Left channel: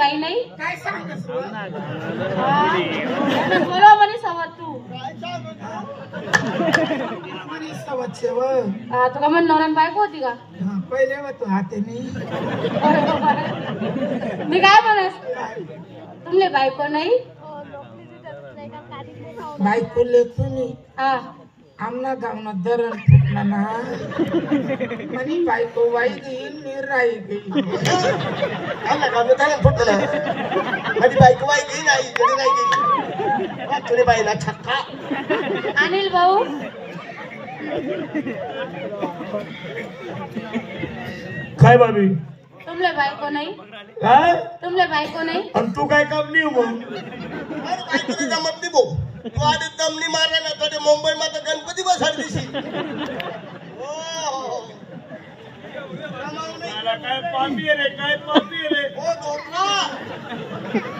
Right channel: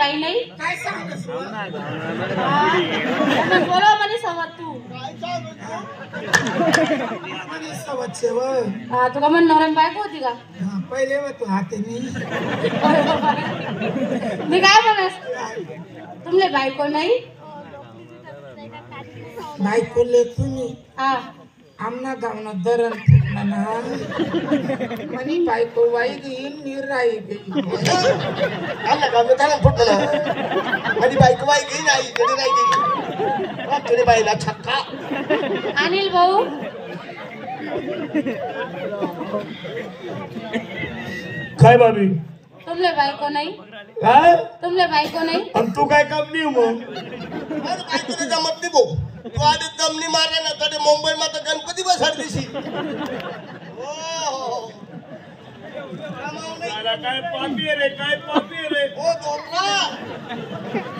बाई नाही काय सांगतोस बोलवा म्हणे समज तू काय सांगतो तू सवचे व तुका म्हण नवऱ्यान बायको होती का पहिले व तू हाते नाही मी काय म्हणस तुमले बायको नाही बायको लेतो नाही हा आमना गावना दरण फुटला ना म्हणे बायको वाई गेली निराई गेली आमना गावना दरण फुटला म्हणे बायको वाई गेली नाही गेली नाही गेली तुझे बाईला छक्का अनिल भाऊ काय बाबी तुमले बायको नाही काय तुमले बायको नाही आणि तू काय काम नाही मग अरे बायकोला जमत नाही भाऊ तू आधी दमनी मारला ना तर मुंबई मध्ये गणपती बसाड दिशी काय पापी रे काय पापी रे ओ धोका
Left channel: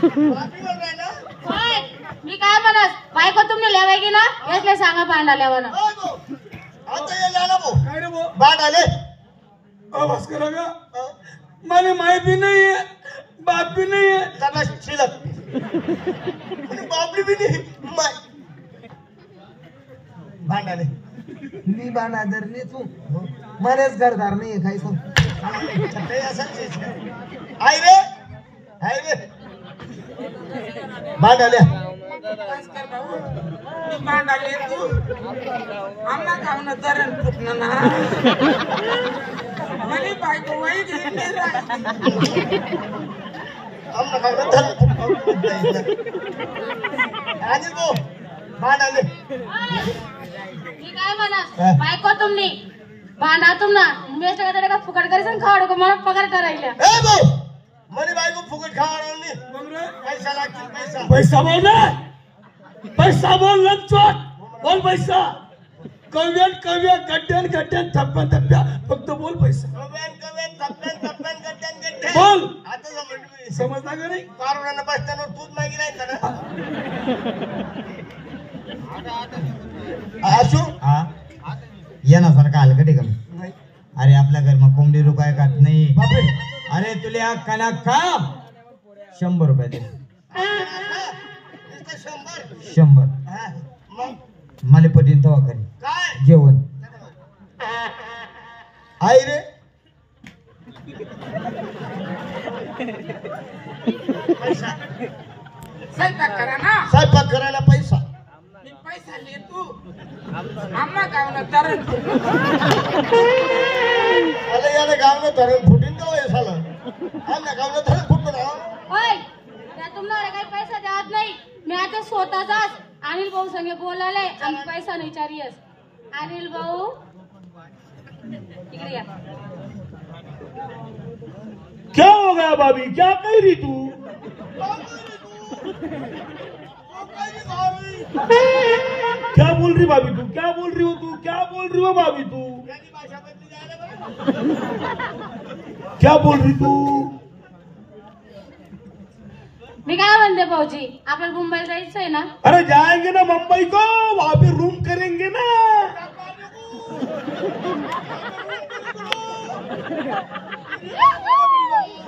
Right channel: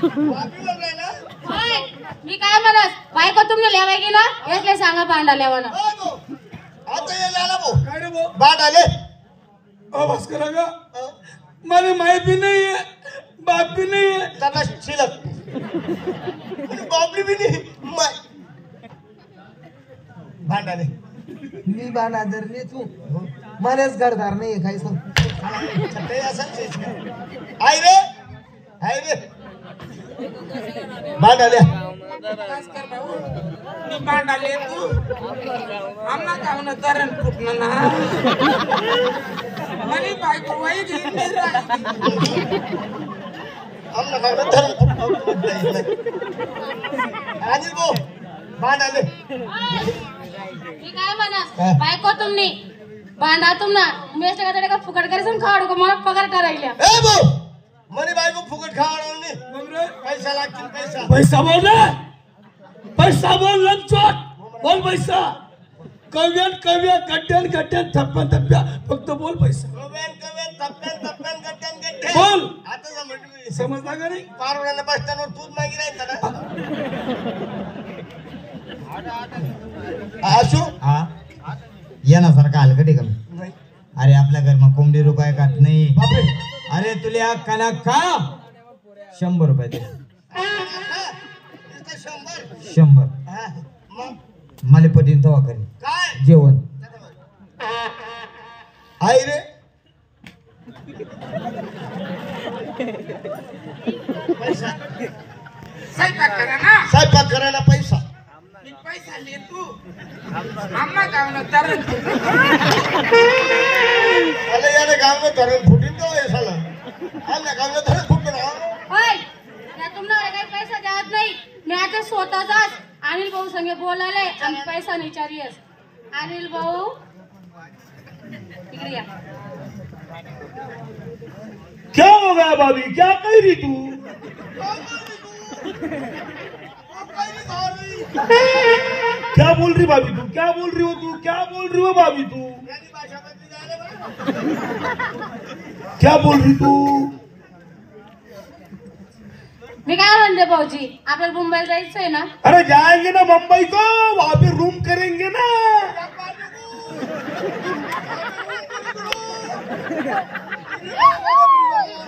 पापीवर राहिला होय मी काय म्हणस बायको तुमने लेवाय गेला यातले सांगा भांडा लेवाना ओ भाऊ आता ये लाला भाऊ काय रे भाऊ बाट आले बस करा का मला माय भी नहीं है बाप भी नहीं है तबला शिलक बापली भी नहीं माय बाट आले मी बाणा धरली तू मनेच घरदार नाही काही सांग छत्ते असं आई रे बाट आल्या मी बांधा लेतो आमना गावना दरण फुटला ना म्हणे बायको वाई गेली निराई आमना गावना धरून आजी भाऊ बाट आले मी काय म्हणस बायको तुमनी भांडा तुमना मेस्ट का तडका फुकट करीसन खावड को मला पगार करायला ए भाऊ मनी बायको फुकट खावणार नाही पैसा लागतील पैसा पैसा बोल ना पैसा बोल लंचोट बोल पैसा कव्यान कव्या गड्ड्यान गड्ड्यान थप्प्या थप्प्या फक्त बोल पैसा कवेन थप्प्यान गट्ट्यान बोल आता समजलं समजला का नाही पारोड्यानं बस स्टँडवर दूध मागी राहायचं ना आशू हा येण्यासारखा हलकटी कमी नाही अरे आपल्या घरमा कोंबडी रुपये काट नाही बापरे अरे तुला कना का 100 रुपये दे नुसतं 100 100 हा, मग मला पटीन तवा करी काय जेवण आई रे पैसा स्वयंपाक करा ना स्वयंपाक करायला पैसा मी पैसा लेतो आमना गावना दरण अरे याने गावनं धरण फुटीन तो हे झालं आमच्या गावनं धरण फुटलं ना होय त्या तुम्हाला काही पैसा द्यात नाही मी आता स्वतःचाच अनिल भाऊ संगे बोलायला आणि पैसा विचारियस अनिल भाऊ इकडे या क्या हो गया भाभी क्या कह रही तू क्या बोल रही भाभी तू क्या बोल रही हो तू क्या बोल रही हो भाभी तू क्या बोल रही तू मी काय म्हणते भाऊजी आपल्याला मुंबईला जायचं आहे ना अरे जाएंगे ना मुंबई को वहां पे रूम करेंगे ना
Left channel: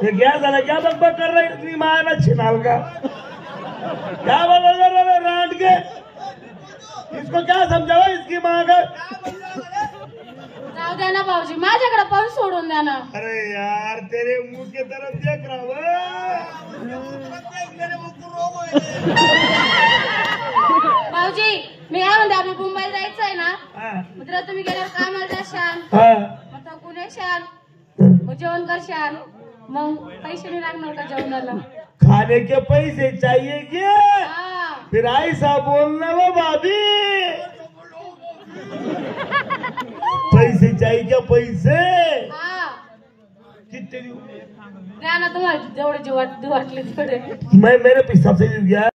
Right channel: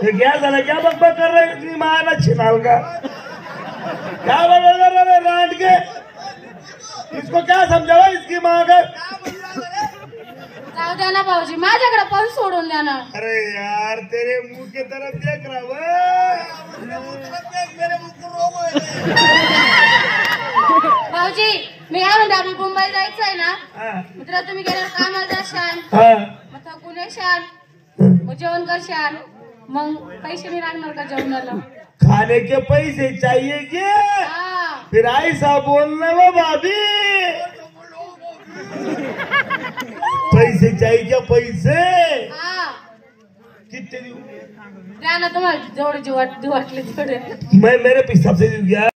ये क्या झाला क्या बकबक कर रहे इतनी मायना छिनाल का क्या बकबक कर रहे रांट के इसको क्या समझाओ इसकी माँ का जाऊ द्या ना भाऊजी माझ्याकडे पण सोडून द्या ना अरे यार तेरे मुंह की तरफ देख रहा हूँ मेरे मुंह को रोग है भाऊजी मी काय म्हणते आपल्याला मुंबईला जायचं आहे ना हाँ, मित्र तुम्ही गेल्यावर कामाला जाशाल हाँ. मग थकून येशाल मग जेवण करशाल मग पैसे नाही लागणार का जेवणाला खाने के पैसे चाहिए क्या हा फिर ऐसा बोलना वो भाभी पैसे चाहिए क्या पैसे हा कितने द्या ना तुम्हाला जेवढे जीव वाटले तेवढे मैं मेरे हिसाब से गया